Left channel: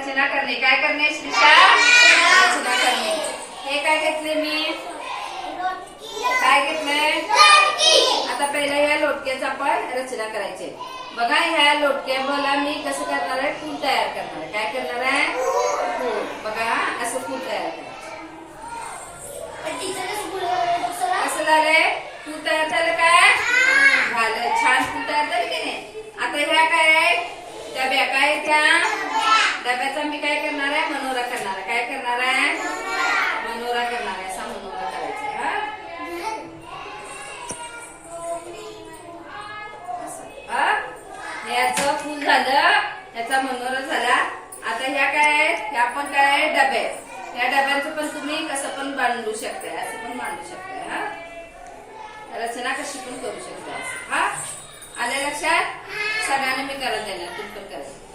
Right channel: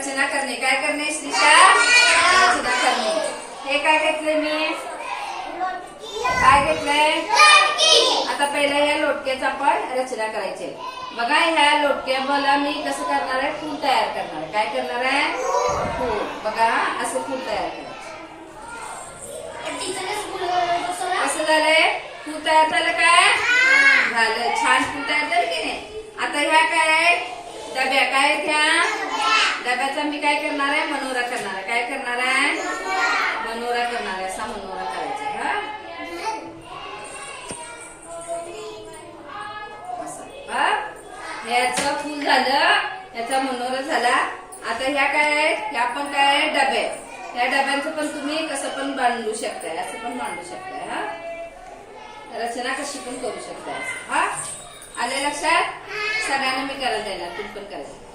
रचना करणे. काय करणे श्रीषा रचना करणे. हे काय घेतले मी? काय घेतलंय? आता पहिलं या लोटक्याचं आपण रचना करायची. बघा ह्या लोटक्या मला मी कसं करणार आहे? फूल तयार करणार आहे. काय करणार आहे? फूल. बघा असं फूल तयार करायचं कसं झालंय? फूल तयार झालं काय? झालं. छान फूल तयार झालं की नाही? आता ह्या काय आहे डब्या काय आहेत त्या डब्याचा मी काय करणार आहे मनोरा करणार आहे काय करणार आहे मनोरा करणार आहे असा मनोरा करायचा आहे, हा असं, हा? याचं फुल झालं याचा मनोरा झाला. आता ह्या काय आहेत? ह्या पण काय आहे? डबे. ह्या डब्यांचं पण तुम्ही कसं पण बांधू शकताय असं पण मांडू शकताय हा? रचना कशी पण करू शकताय हा? आल्या लक्षात? सगळ्यांना मी करायला देणार तुम्ही पण करायचं